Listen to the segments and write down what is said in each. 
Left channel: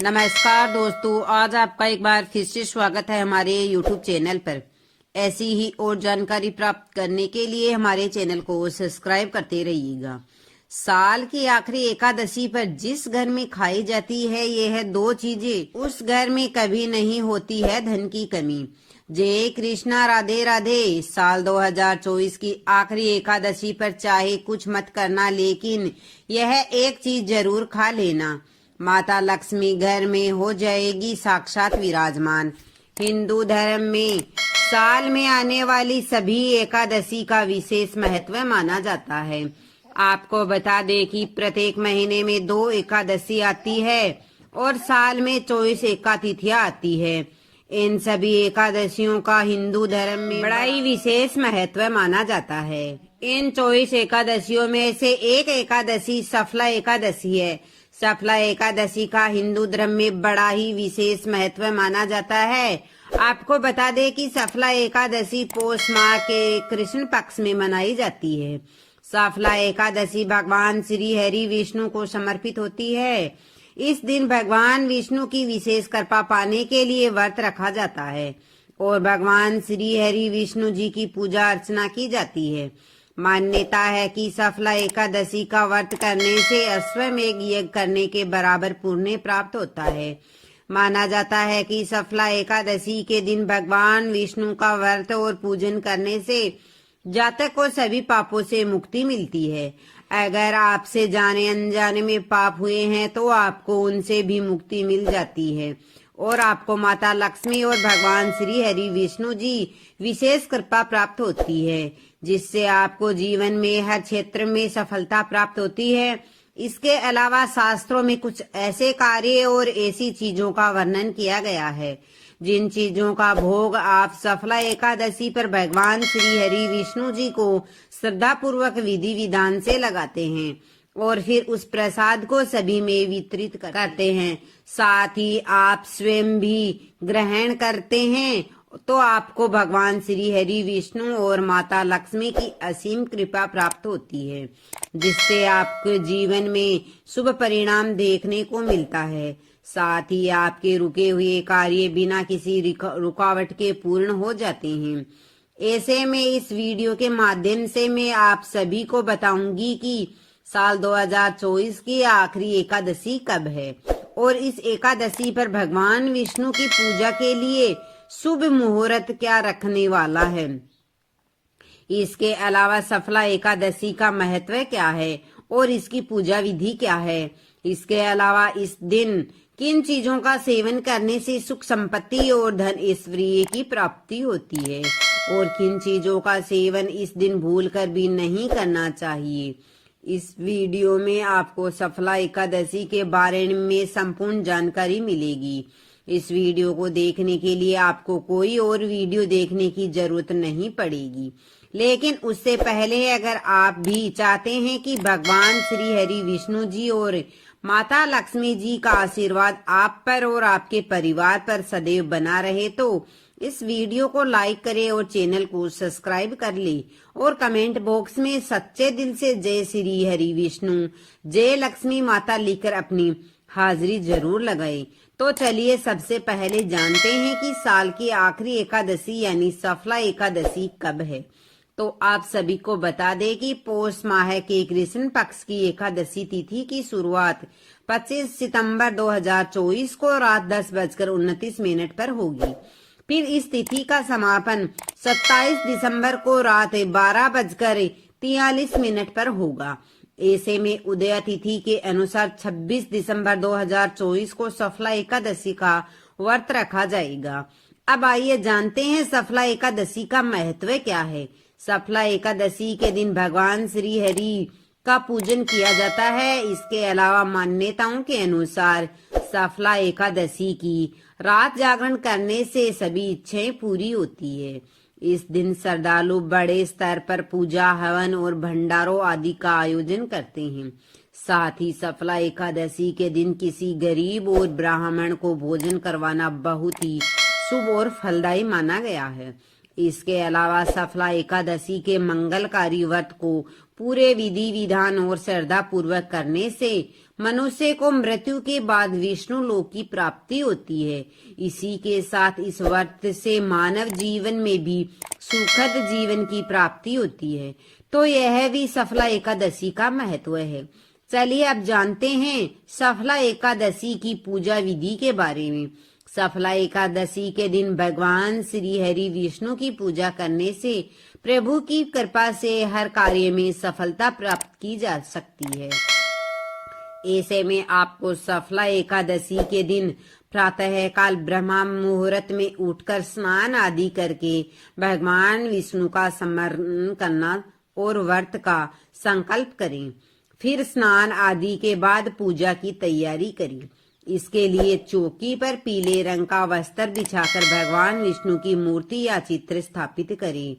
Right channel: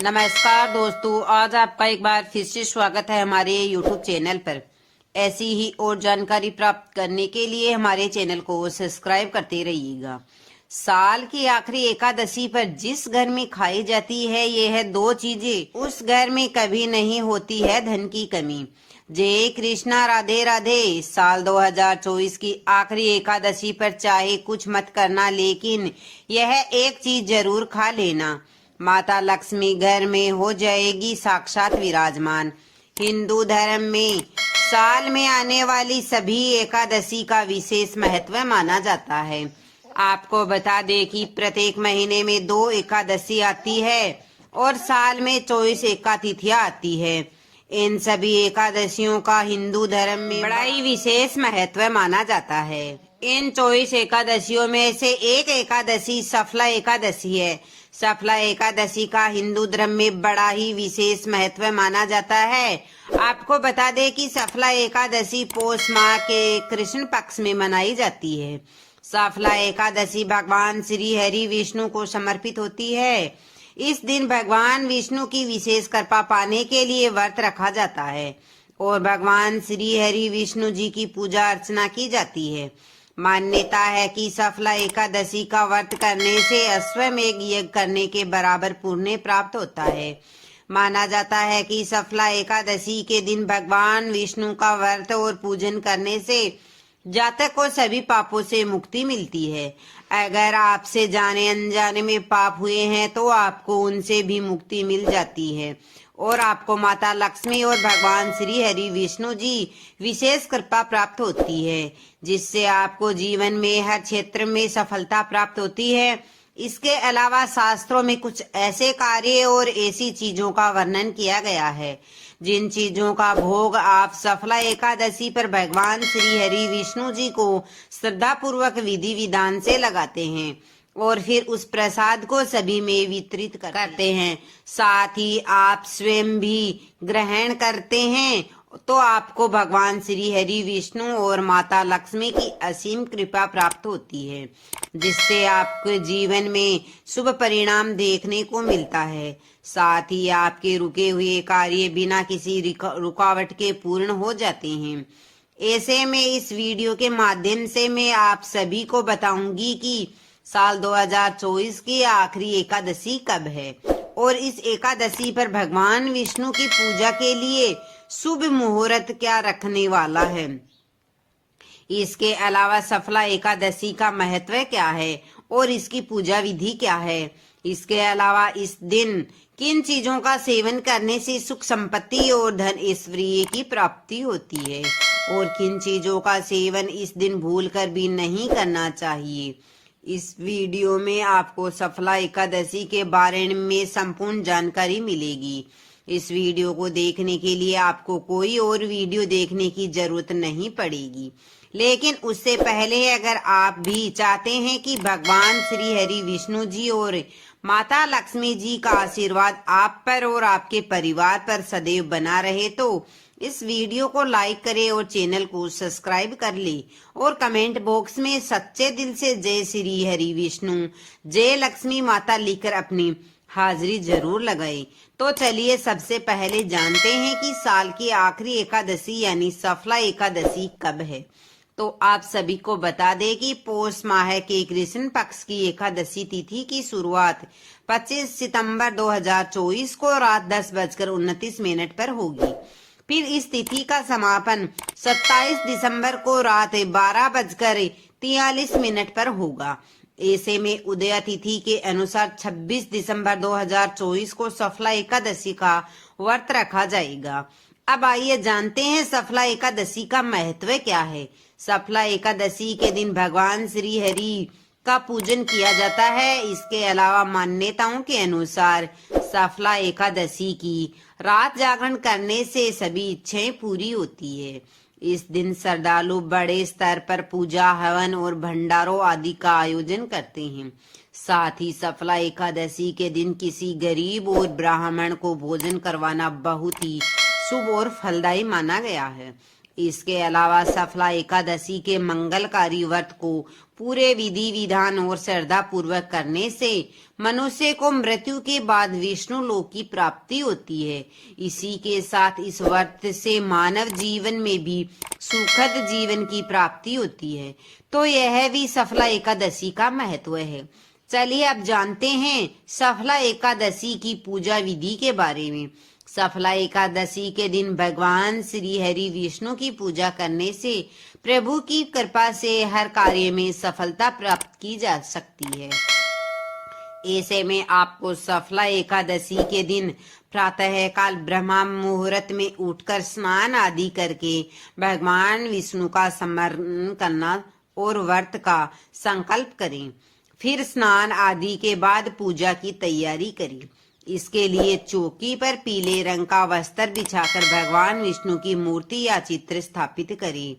नमस्कार दोस्तों, आज आपका एक बार फिर से स्वागत है हमारे YouTube चैनल पर। ऐसी ही और जानकारी प्राप्त करने के लिए हमारे चैनल को सब्सक्राइब करते रहिएगा। साल की आखिरी एकादशी पर जिस घर में खाई जाती है ये है दो चीजें, उस घर में कभी नहीं होती है धन की कमी। जय कृष्णा, राधे राधे। साल 2024 की आखिरी एकादशी पर चाहे कुछ मत करना, लेकिन यह एक चीज जरूर खा लेना। माता लक्ष्मी घर में हो जाएगी साक्षात विराजमान। हिंदू धर्म में साल में आने वाली सभी एकादशी का विशेष महत्व माना जाता है। आपको बता दें कि प्रत्येक महीने में 2 एकादशी आती है और साल में 24 एकातिथियां आती है। इन सभी एकादशियों का हिंदू धर्म में बड़ा ही विशेष महत्व माना जाता है। इन 24 एकादशियों में से एक एकादशी सफला एकादशी है। सफला एकादशी का हिंदू धर्म में बड़ा ही विशेष महत्व माना जाता है। आपको बता दें कि सफला एकादशी पौष माह के कृष्ण पक्ष में मनाई जाती है। सफला एकादशी भगवान श्री हरि विष्णु को समर्पित होती है। इस दिन भगवान विष्णु की विशेष कृपा पाने के लिए व्रत रखा जाता है और भगवान श्री हरि विष्णु जी की पूजा अर्चना की जाती है। मान्यता है कि सफला एकादशी का व्रत करने से अश्वमेध यज्ञ करने के बराबर पुण्य प्राप्त होता है। माना जाता है कि सफला एकादशी के दिन भगवान विष्णु का व्रत और पूजन करने से जातक को सभी पापों से मुक्ति मिलती है। अगर आपसे जाने अनजाने में पाप हुए हैं तो आपको उनसे भी मुक्ति मिल जाती है और आपको माता लक्ष्मी और भगवान श्री हरि विष्णु जी विशेष कृपा प्राप्त होती है, जिससे आपको जीवन में हर क्षेत्र में सफलता प्राप्त होती है। इसके अलावा शास्त्रों में कुछ ऐसे कार्य और ऐसी चीजों का वर्णन किया गया है जिन चीजों का भोग आप सफला एकादशी पर भगवान श्री हरि विष्णु जी को श्रद्धा पूर्वक विधि विधान से लगाते हैं और फिर उस प्रसाद को सभी में वितरित करते हैं। साथ ही आप स्वयं भी ग्रहण करते हैं तो आपको भगवान श्री हरि विष्णु और माता लक्ष्मी की असीम कृपा प्राप्त होती है, जिससे आपके जीवन में शुभ परिणाम देखने को मिलता है। साथ ही आपके रुके हुए कार्य बिना किसी रुकावट के पूर्ण हो जाते हैं। ऐसे में इस वीडियो के माध्यम से मैं आप सभी को बताऊंगी कि साल 2024 की आखिरी एकादशी कब है और इस एकादशी पर भगवान विष्णु की पूजा के लिए शुभ मुहूर्त क्या रखने वाला है। इसके अलावा सफला एकादशी का महत्व क्या है और इसकी पूजा विधि क्या है। इसके अलावा इस दिन किन चीजों का सेवन करने से सुख संपत्ति और धन ऐश्वर्य की प्राप्ति होती है और किन चीजों का सेवन इस दिन भूलकर भी नहीं करना चाहिए। इस वीडियो में आपको सफला एकादशी के बारे में संपूर्ण जानकारी मिलेगी। इस वीडियो को देखने के लिए आपको कोई और वीडियो देखने की जरूरत नहीं पड़ेगी, लेकिन उससे पहले अगर आप भी चाहते हैं कि भगवान श्री हरि विष्णु जी और माता लक्ष्मी जी का आशीर्वाद आप पर और आपके परिवार पर सदैव बना रहे तो इस वीडियो को लाइक करें और चैनल को सब्सक्राइब कर ले और कमेंट बॉक्स में सच्चे दिल से जय श्री हरि विष्णु, जय लक्ष्मी माता लिखकर अपनी हाजिरी जरूर लगाए। तो चलिए सबसे पहले जानते हैं कि साल की आखिरी एकादशी यानी सफला एकादशी कब है। तो आप सभी को बता दें कि पौष माह के कृष्ण पक्ष की एकादशी तिथि की शुरुआत 25 सितंबर 2024 को रात 10:29 पर होगी। फिर इस तिथि का समापन 27 दिसंबर को रात 12:43 पर होगा। ऐसे में उदय तिथि के अनुसार 26 दिसंबर 2024 को सफला एकादशी का व्रत रखा जाएगा। अब आइए जानते हैं सफला एकादशी का महत्व क्या है। सफला एकादशी के दिन भगवान श्री हरि का पूजन किया जाता है। इसके अलावा मान्यताओं के अनुसार सफला एकादशी की रात जागरण करने से सभी इच्छाएं पूरी होती है। इस दिन श्रद्धालु बड़े स्तर पर पूजा, हवन और भंडारों आदि का आयोजन करते हैं। साथ ही सफला एकादशी के दिन किसी गरीब और ब्राह्मण को भोजन करवाना बहुत ही शुभ और फलदायी माना गया है। इसके अलावा सफला एकादशी के मंगलकारी व्रत को पूरे विधि विधान और श्रद्धा पूर्वक करने से मनुष्य को मृत्यु के बाद विष्णु लोक की प्राप्ति होती है। इसी के साथ इस व्रत से मानव जीवन में भी सुखद जीवन की प्राप्ति होती है। तो यह भी सफला एकादशी का महत्व है। चलिए अब जानते हैं सफला एकादशी की पूजा विधि के बारे में। सफला एकादशी के दिन भगवान श्री हरि विष्णु की पूजा करने से प्रभु की कृपा से हर कार्य में सफलता प्राप्त की जा सकती है। ऐसे में आपको सफला एकादशी के दिन प्रातः काल ब्रह्म मुहूर्त में उठकर स्नान आदि करके भगवान विष्णु का स्मरण करना और व्रत का संकल्प करें। फिर स्नान आदि के बाद पूजा की तैयारी करें। इसके लिए चौकी पर पीले रंग का वस्त्र बिछाकर भगवान विष्णु की मूर्ति या चित्र स्थापित करें।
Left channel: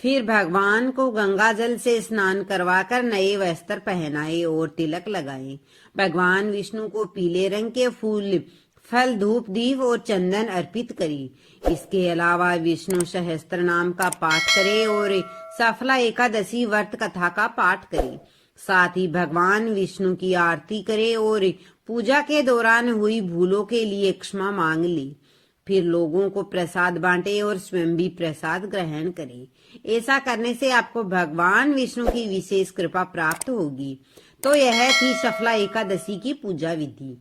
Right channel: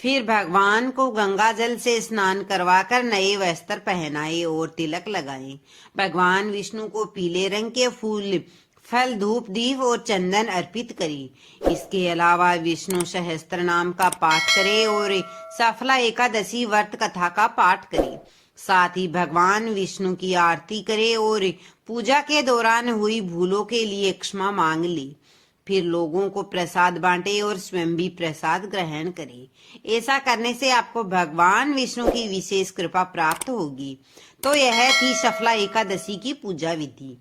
फिर भगवान को गंगा जल से स्नान करवाकर नए वस्त्र पहनाएं और तिलक लगाएं। भगवान विष्णु को पीले रंग के फूल, फल, धूप, दीप और चंदन अर्पित करें। इसके अलावा विष्णु सहस्त्र नाम का पाठ करें और सफला एकादशी व्रत कथा का पाठ करें। साथ ही भगवान विष्णु की आरती करें और पूजा के दौरान हुई भूलों के लिए क्षमा मांग ली। फिर लोगों को प्रसाद बांटे और स्वयं भी प्रसाद ग्रहण करें। ऐसा करने से आपको भगवान विष्णु की विशेष कृपा प्राप्त होगी। तो यह थी सफला एकादशी की पूजा विधि।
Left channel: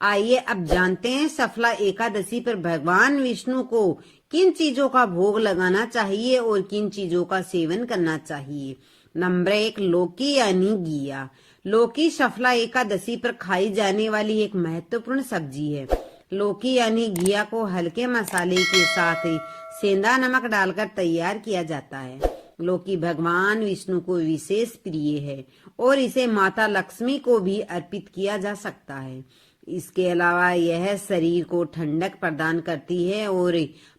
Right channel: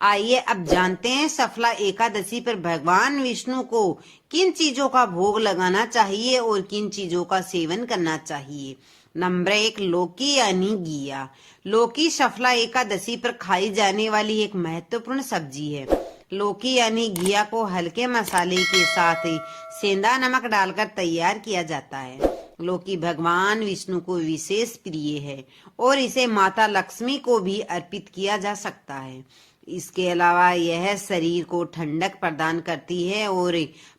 आइए अब जानते हैं सफला एकादशी पर भगवान विष्णु को किन चीजों का भोग लगाना चाहिए और किन चीजों का सेवन करना चाहिए। नंबर 1, लौकी यानी घिया। लौकी सफला एकादशी पर खाई जाने वाली एक महत्वपूर्ण सब्जी है। लौकी यानी घिया को हल्के मसाले के साथ सेंधा नमक डालकर तैयार किया जाता है। लौकी भगवान विष्णु को विशेष प्रिय है और इसे माता लक्ष्मी को भी अर्पित किया जा सकता है। इसके अलावा यह शरीर को ठंडक प्रदान करती है और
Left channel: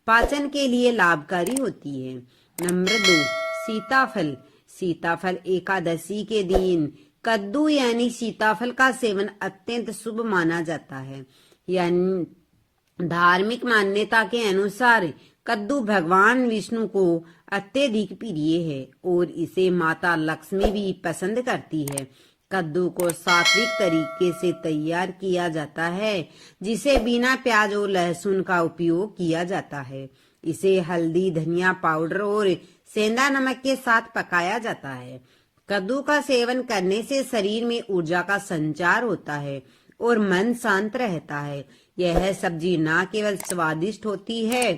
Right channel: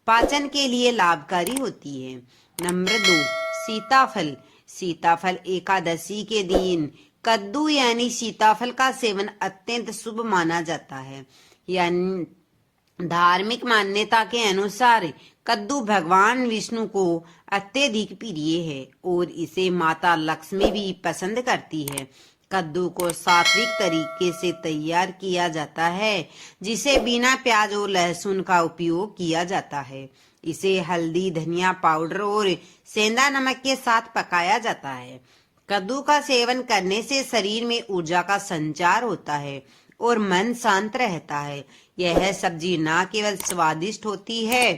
पाचन के लिए लाभकारी होती है। नंबर 2, सीताफल। सीताफल एकादशी के दिन कद्दू यानी सीताफल का सेवन अत्यंत शुभ माना जाता है। यानी धार्मिक मान्यता के अनुसार कद्दू भगवान विष्णु को अत्यधिक प्रिय है और इसे माता लक्ष्मी भी पसंद करती है। कद्दू को सात्विक तरीके से तैयार किया जाता है, जिसे बिना प्याज और लहसुन का उपयोग किया जाता है। इसे हल्दी, धनिया पाउडर और सेंधा नमक के साथ पकाया जाता है। कद्दू का सेवन करने से शरीर में ऊर्जा का संचार होता है और मन शांत रहता है। यह सब्जी न केवल स्वादिष्ट होती है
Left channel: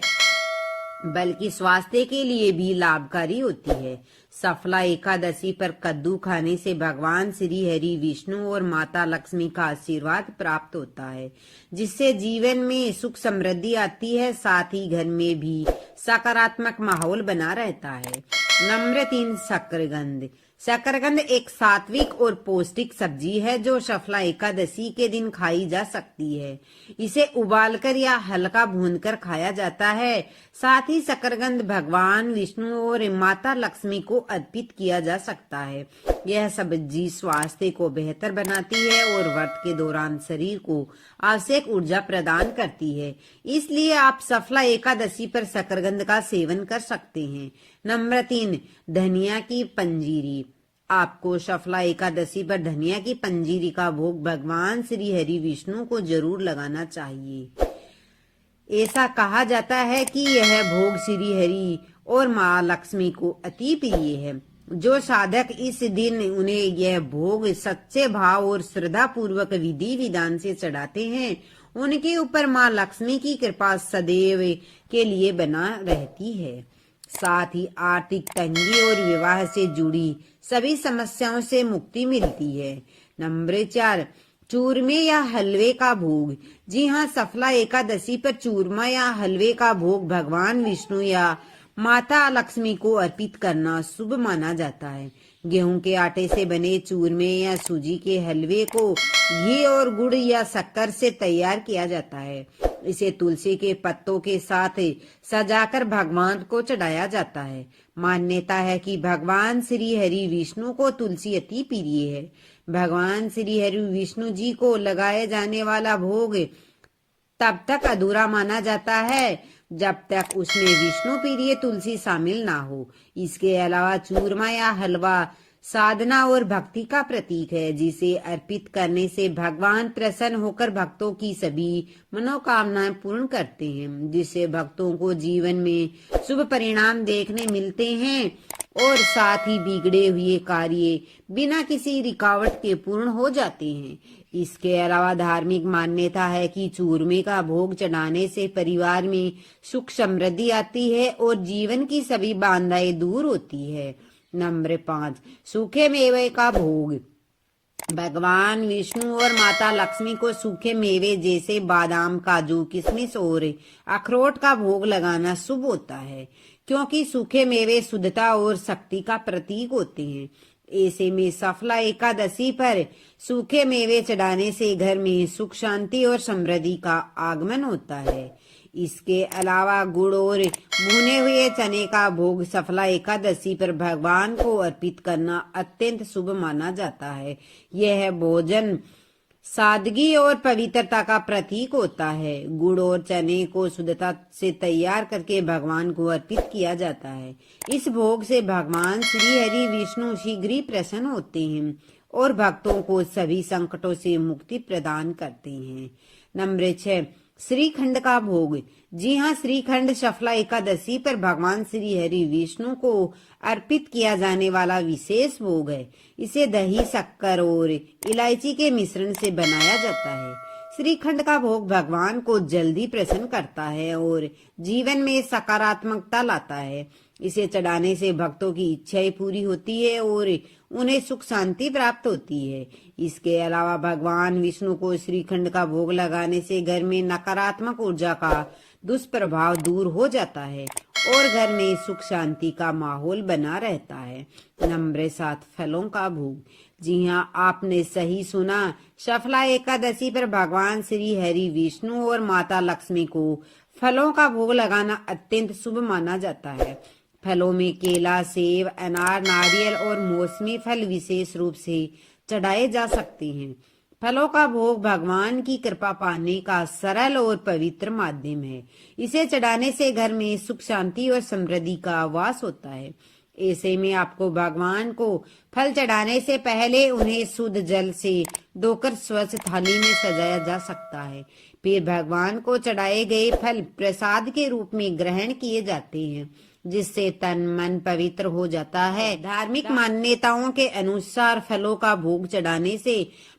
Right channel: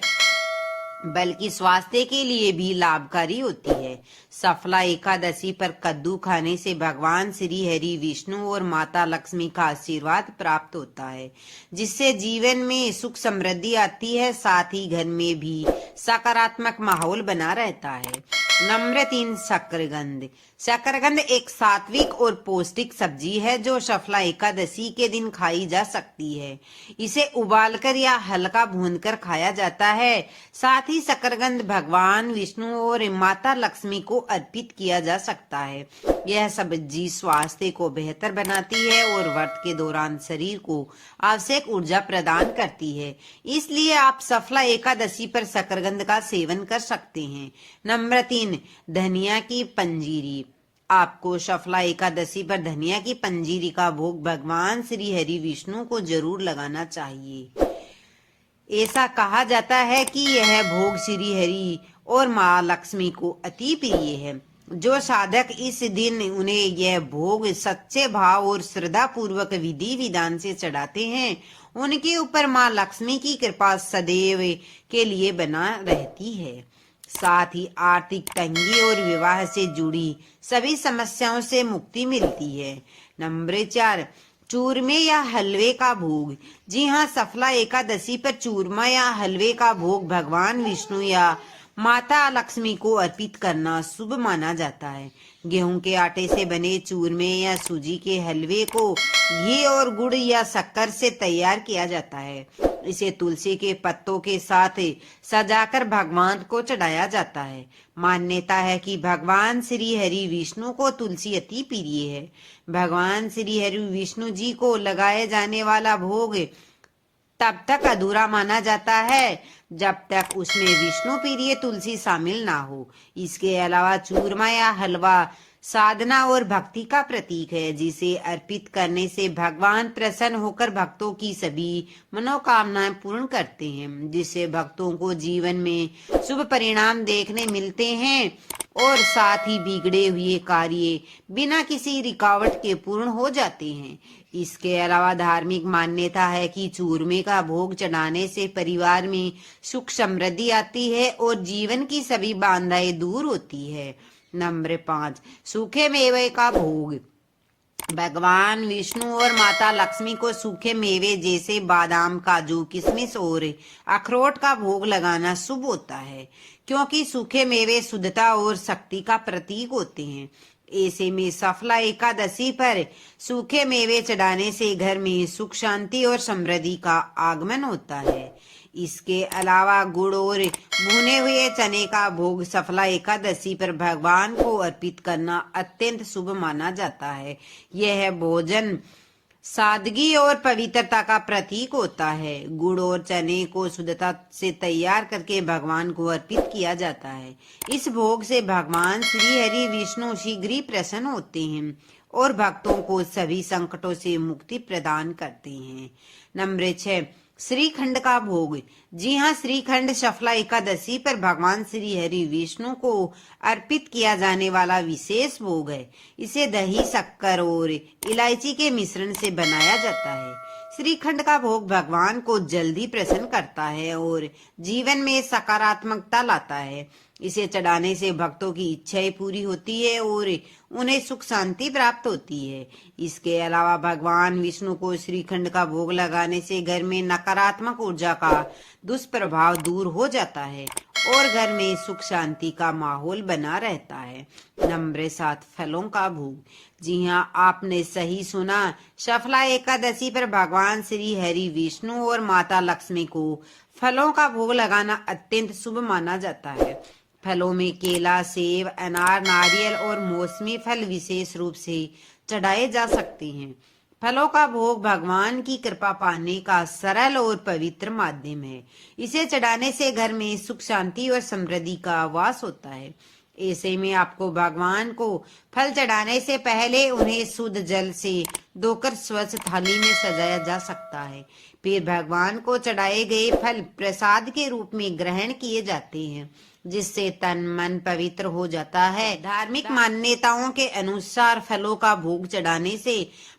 बल्कि स्वास्थ्य के लिए भी लाभकारी होती है। सफला एकादशी पर कद्दू खाने से भगवान श्री हरि विष्णु और माता लक्ष्मी का आशीर्वाद प्राप्त होता है, जिससे जीवन में सुख समृद्धि आती है। साथ ही घर में भी सकारात्मक माहौल बना रहता है। नंबर 3, शकरकंद। शकरकंद एक सात्विक और पौष्टिक सब्जी है जो सफला एकादशी के दिन खाई जा सकती है। इसे उबालकर या हल्का भूनकर खाया जाता है। साथ ही शकरकंद भगवान विष्णु और माता लक्ष्मी को अर्पित किया जा सकता है। यह सब्जी स्वास्थ्य को बेहतर बनाती है और व्रत के दौरान शरीर को आवश्यक ऊर्जा प्रदान करती है। इसलिए आप सफला एकादशी पर शकरकंद का सेवन कर सकते हैं। नंबर 3, धनिया की पंजीरी। आपको सफला एकादशी पर धनिया की पंजीरी का भोग भगवान श्री हरि विष्णु को जरूर लगाना चाहिए। ऐसा कहा जाता है कि यह भोग श्री हरि और माँ लक्ष्मी को अति प्रिय है। जो साधक इस दिन उन्हें यह भोग सच्चे भाव और श्रद्धा पूर्वक विधि विधान से चढ़ाते हैं, उनके ऊपर माँ लक्ष्मी की कृपा सदैव के लिए बना रहती है। साथ ही आर्थिक तंगी और विवाह से जुड़ी सभी समस्याओं से मुक्ति मिलती है। नंबर 4, चूरमे या हलवे का भोग। जी हाँ, सफला एकादशी पर चूरमा या हलवे का भोग भगवान विष्णु या माता लक्ष्मी को अर्पित करना शुभ माना जाता है। गेहूं के आटे से बने चूरमे या सूजी के हलवे को घी और गुड़ या शक्कर से तैयार किया जाता है। इसे तुलसी के पत्तों के साथ सजाकर भगवान को चढ़ाया जाता है। मान्यता है कि भगवान श्री हरि विष्णु को तुलसी अति प्रिय है। भगवान श्री हरि विष्णु जी को लगाए जाने वाला भोग तब तक अधूरा माना जाता है जब तक उसमें विष्णु प्रिय तुलसी शामिल ना हो। इसके अलावा चूरमा या हलवा साधना और भक्ति का प्रतीक है, जिसे अर्पित करने से भगवान प्रसन्न होकर भक्तों की सभी मनोकामनाएं पूर्ण करते हैं, जिससे भक्तों को जीवन में शुभ परिणाम देखने मिलते हैं और साथ ही बिगड़े हुए कार्य बिना किसी रुकावट के पूर्ण हो जाते हैं। इसके अलावा धार्मिक मान्यता है कि चूरमे का भोग चढ़ाने से परिवार में सुख समृद्धि आती है और जीवन की सभी बाधाएं दूर होती है। नंबर 5, सूखे मेवे का भोग। भगवान विष्णु और माता लक्ष्मी को सूखे मेवे जैसे बादाम, काजू, किशमिश और अखरोट का भोग लगाना शुभ होता है, क्योंकि सूखे मेवे शुद्धता और शक्ति का प्रतीक होते हैं। ऐसे में सफला एकादशी पर सूखे मेवे चढ़ाने से घर में सुख, शांति और समृद्धि का आगमन होता है। इसके अलावा गुड़ और भुने हुए चने का भोग सफला एकादशी पर भगवान को अर्पित करना अत्यंत शुभ माना जाता है। यह भोजन सादगी और पवित्रता का प्रतीक होता है। गुड़ और चने को शुद्धता से तैयार करके भगवान को अर्पित किया जाता है। इस भोग से भगवान श्री हरि विष्णु शीघ्र ही प्रसन्न होते हैं और भक्तों को सभी संकटों से मुक्ति प्रदान करते हैं। नंबर 6, श्रीखंड का भोग। जी हाँ, श्रीखंड सफला एकादशी पर भगवान श्री हरि विष्णु को अर्पित किया जाने वाला विशेष भोग है। इसे दही, शक्कर और इलायची के मिश्रण से बनाया जाता है। श्रीखंड का भोग भगवान को जल्दी प्रसन्न करता है और जीवन में सकारात्मकता लाता है। इसे चढ़ाने से भक्तों की इच्छाएं पूरी होती है और उन्हें सुख शांति प्राप्त होती है। इसके अलावा भगवान विष्णु को श्रीखंड का भोग लगाने से घर में नकारात्मक ऊर्जा का दुष्प्रभाव दूर हो जाता है और घर में सुख शांति का माहौल बना रहता है। नंबर 7, फलों का भोग। जी हाँ, आपने सही सुना। सफला एकादशी पर भगवान श्री हरि विष्णु और माता लक्ष्मी को फलों का भोग लगाना अत्यंत शुभ माना जाता है। फलों में केला, सेब, अनार, नारियल और मौसमी फल विशेष रूप से चढ़ाए जा सकते हैं। फलों का भोग भगवान की कृपा पाने का सरल और पवित्र माध्यम है। इसे चढ़ाने से घर में सुख, शांति और समृद्धि का वास होता है। ऐसे में आपको भगवान को फल चढ़ाने से पहले उन्हें शुद्ध जल से धोकर स्वच्छ थाली में सजाया जा सकता है। फिर भगवान को चढ़ाए गए फल प्रसाद के रूप में ग्रहण किए जाते हैं, जिससे तन मन पवित्र हो जाता है। धार्मिक मान्यताओं के अनुसार फलों का भोग चढ़ाने से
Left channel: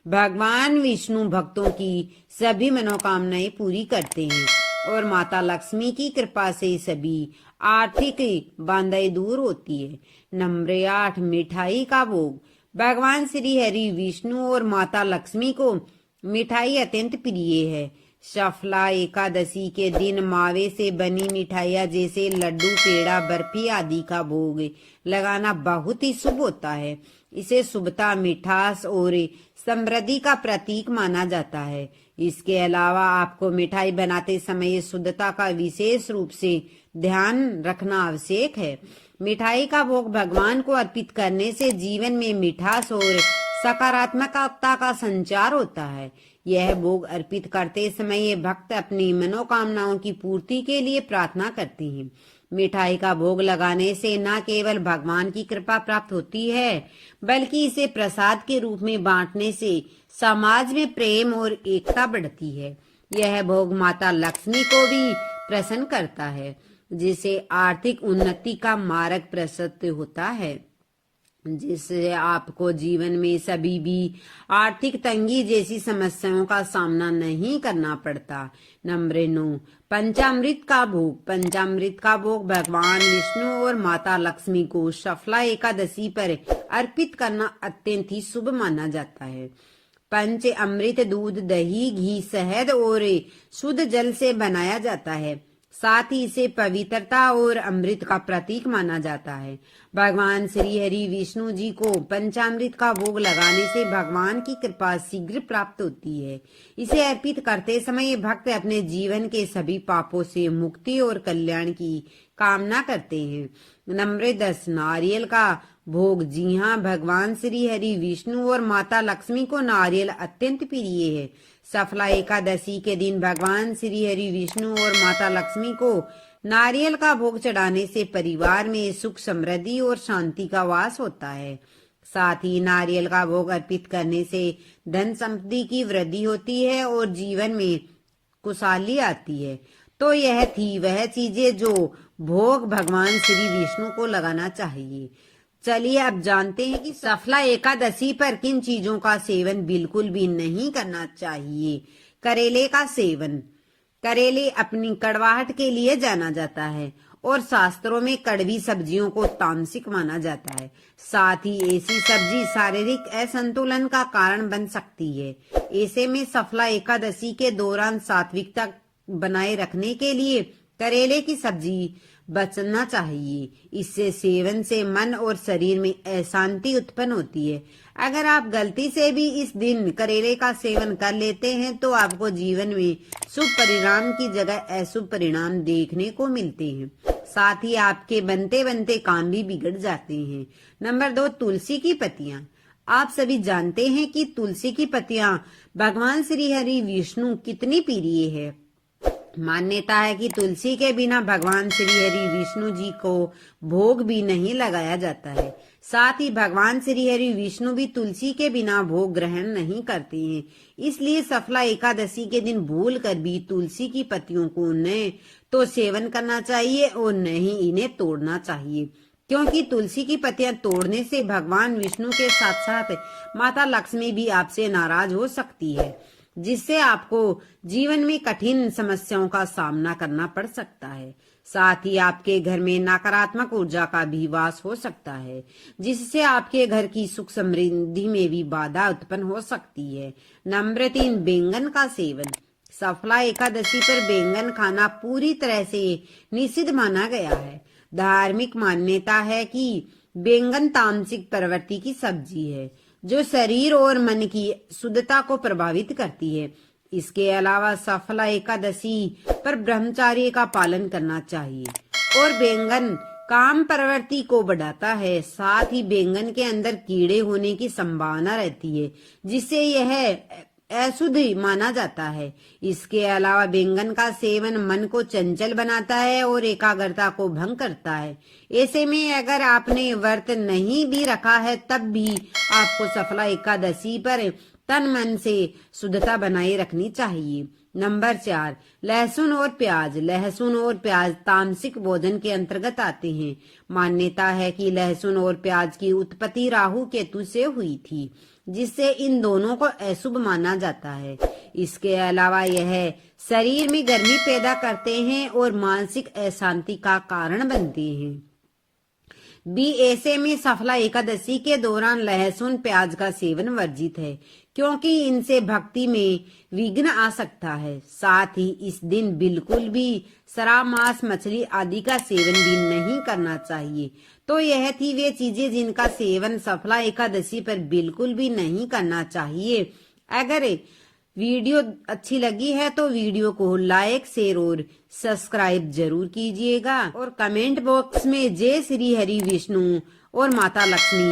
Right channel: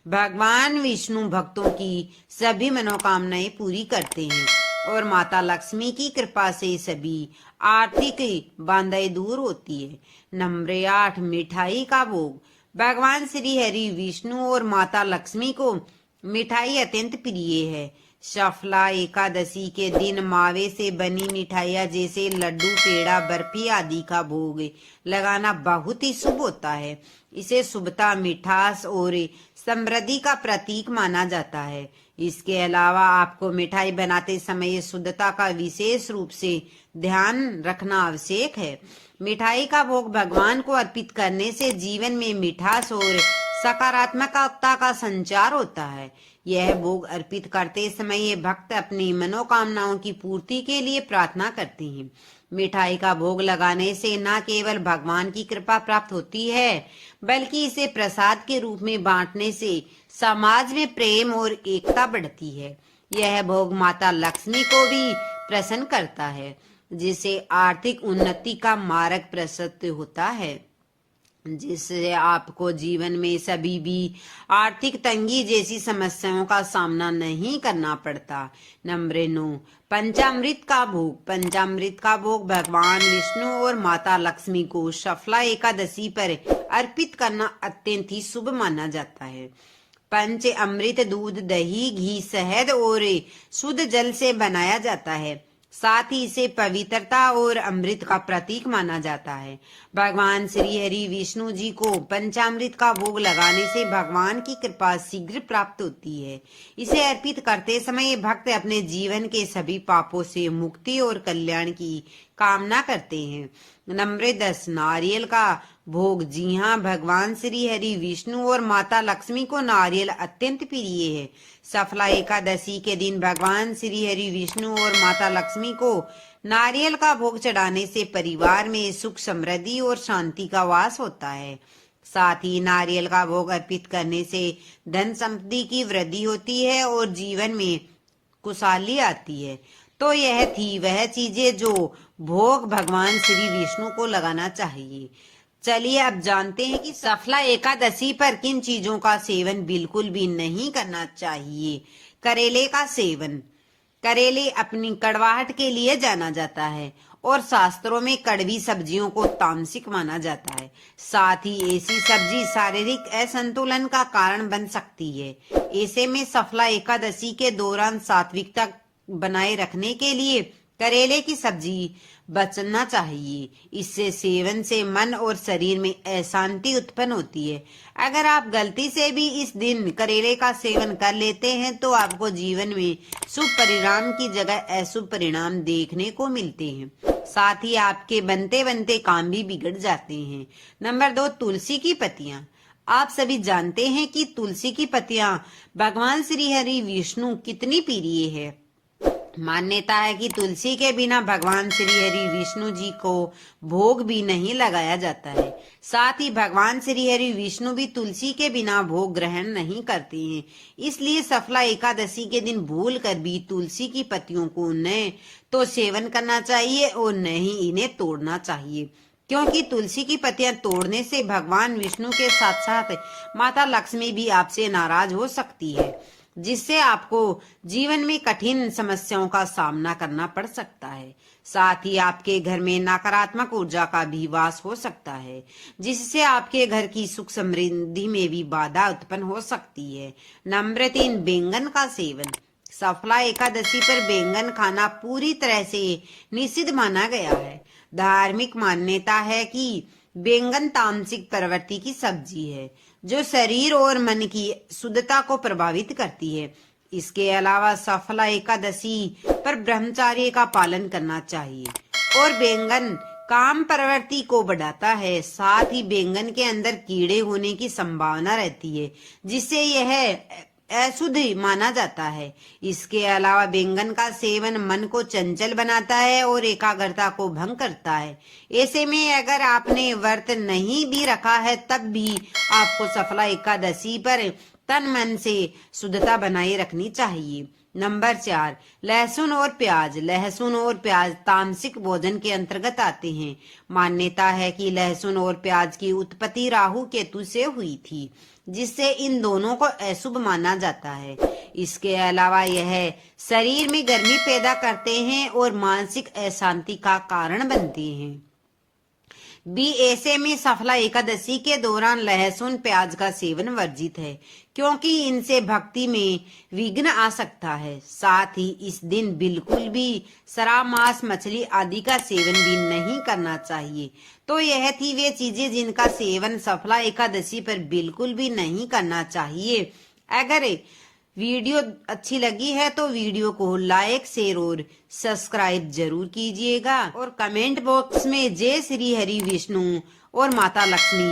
भगवान विष्णु भक्तों की सभी मनोकामनाएं पूरी करते हैं और माता लक्ष्मी की कृपा से सभी आर्थिक बाधाएं दूर होती है। नंबर 8, मिठाई का भोग। भगवान श्री हरि विष्णु और माता लक्ष्मी को मिठाई अत्यंत प्रिय है। सफला एकादशी के दिन मावे से बनी मिठाइयाँ जैसे लड्डू, पेड़ा, बर्फी आदि का भोग लगाना बहुत ही शुभ होता है। इसे शुभता, मिठास और समृद्धि का प्रतीक माना जाता है। इसके अलावा आपको मिठाई बनाते समय शुद्धता का विशेष रूप से ध्यान रखना आवश्यक है। मिठाई का भोग भगवान को अर्पित करने से जीवन में मिठास और सकारात्मकता का संचार होता है। यह भोग अर्पित करते समय ये भक्त अपनी मनोकामनाओं की पूर्ति के लिए प्रार्थना करते हैं। मिठाई का भोग लगाने से न केवल भगवान की कृपा प्राप्त होती है, बल्कि इसे प्रसाद के रूप में बांटने से समाज में प्रेम और एकता बढ़ती है। यह भोग माता लक्ष्मी को भी प्रसन्न करता है, जिससे आर्थिक उन्नति का मार्ग प्रशस्त होता है, जिससे आपको जीवन में सभी भी आर्थिक तंगी जैसी समस्याओं का सामना नहीं करना पड़ता। नंबर 9, पंचामृत का भोग। पंचामृत का भोग भगवान विष्णु और माता लक्ष्मी को सफला एकादशी पर अर्पित करना अत्यंत ही शुभ माना जाता है। पंच अमृत दूध, दही, घी, शहद और शुद्ध जल से बनाया जाता है। साथ ही इसे पवित्रता और अमृत का प्रतीक माना जाता है। भगवान श्री हरि विष्णु जी को पंचामृत का भोग लगाने से भगवान की कृपा शीघ्र प्राप्त होती है। इसे अर्पित करते समय भक्त अपने जीवन के सभी पापों से मुक्ति और कल्याण की कामना करते हैं। नंबर 10, नारियल का भोग। जी हाँ, भगवान श्री हरि विष्णु और माता लक्ष्मी को नारियल अत्यंत प्रिय है। सफला एकादशी के दिन भगवान श्री हरि विष्णु और माता लक्ष्मी को नारियल का भोग चढ़ाने से परिवार में सुख, समृद्धि और शांति का वास होता है। साथ ही नारियल का भोग अर्पित करने से धन संपत्ति की वृद्धि होती है और जीवन में खुशहाली आती है। तो यह थी वह चीजें जो भोग भगवान श्री विष्णु को लगाना चाहिए। चलिए अब जानते हैं कि सफला एकादशी पर किन चीजों का सेवन बिल्कुल भी नहीं करना चाहिए। करेले का सेवन। करेले अपनी कड़वाहट के लिए जाना जाता है और शास्त्रों में कड़वी सब्जियों को तामसिक माना जाता है। साथ ही ऐसी सब्जी शारीरिक असंतुलन का कारण बन सकती है। ऐसे में सफला एकादशी के दौरान सात्विकता बनाए रखने के लिए करेले की सब्जी बचना चाहिए। इससे सेवन से मन और शरीर में अशांति उत्पन्न होती है। अगर आप गलती से भी इस दिन करेले का सेवन कर लेते हैं तो आपको जीवन में शुभ परिणाम की जगह अशुभ परिणाम देखने को मिलते हैं। साथ ही आपके बनते बनते काम भी बिगड़ जाते हैं। नंबर 2, तुलसी की पत्तियां। आप सभी जानते हैं कि तुलसी की पत्तियां भगवान श्री हरि विष्णु कितनी प्रिय है। मान्यता है कि तुलसी के बिना भगवान श्री हरि विष्णु जी को भोग भी नहीं लगाया जाता है। साथ ही भगवान श्री हरि विष्णु भी तुलसी के बिना भोग ग्रहण नहीं करते हैं। इसलिए सफला एकादशी के दिन भूल कर भी तुलसी की पत्तियों को न तो सेवन करना चाहिए और न ही इन्हें तोड़ना चाहिए, क्योंकि तुलसी की पत्तियां तोड़ने से भगवान विष्णु के साथ साथ माता लक्ष्मी भी आपसे नाराज हो सकती है, जिससे आपको जीवन में कठिन समस्याओं का सामना करना पड़ सकता है। साथ ही आपके घर में नकारात्मक ऊर्जा का भी वास हो सकता है, जिससे आपके घर की सुख समृद्धि में भी बाधा उत्पन्न हो सकती है। नंबर 3, बैंगन का सेवन। सफला एकादशी पर बैंगन खाना पूरी तरह से निषिद्ध माना गया है। धार्मिक मान्यता है कि बैंगन तामसिक प्रवृत्ति की सब्जी है जो शरीर और मन की शुद्धता को प्रभावित करती है। इसके अलावा सफला एकादशी पर ब्रह्मचर्य का पालन करना चाहिए और बैंगन काम प्रवृत्ति को बढ़ाता है। साथ ही बैंगन के अंदर कीड़े होने की संभावना रहती है, जिससे यह अशुद्ध माना जाता है। इसके अलावा बैंगन का सेवन मन को चंचल बनाता है और एकाग्रता को भंग करता है। ऐसे में अगर आपने व्रत नहीं भी रखा है तब भी आपको सफला एकादशी पर तन मन से शुद्धता बनाए रखनी चाहिए। नंबर 4, लहसुन और प्याज। लहसुन और प्याज तामसिक भोजन के अंतर्गत आते हैं। मान्यता है कि लहसुन और प्याज की उत्पत्ति राहु केतु से हुई थी, जिससे इन दोनों को अशुभ माना जाता है। इसके अलावा यह शरीर में गर्मी पैदा करते हैं और मानसिक अशांति का कारण बनते हैं। ऐसे में सफला एकादशी के दौरान लहसुन प्याज का सेवन वर्जित है, क्योंकि इनसे भक्ति में विघ्न आ सकता है। साथ ही इस दिन बिल्कुल भी शराब, मांस, मछली आदि का सेवन भी नहीं करना चाहिए। तो यह थी वे चीजें जिनका सेवन सफला एकादशी पर बिल्कुल भी नहीं करना चाहिए। अगर वीडियो अच्छी लगी है तो वीडियो को लाइक, शेयर और सब्सक्राइब जरूर कीजिएगा और कमेंट बॉक्स में जय श्री हरि विष्णु और माता लक्ष्मी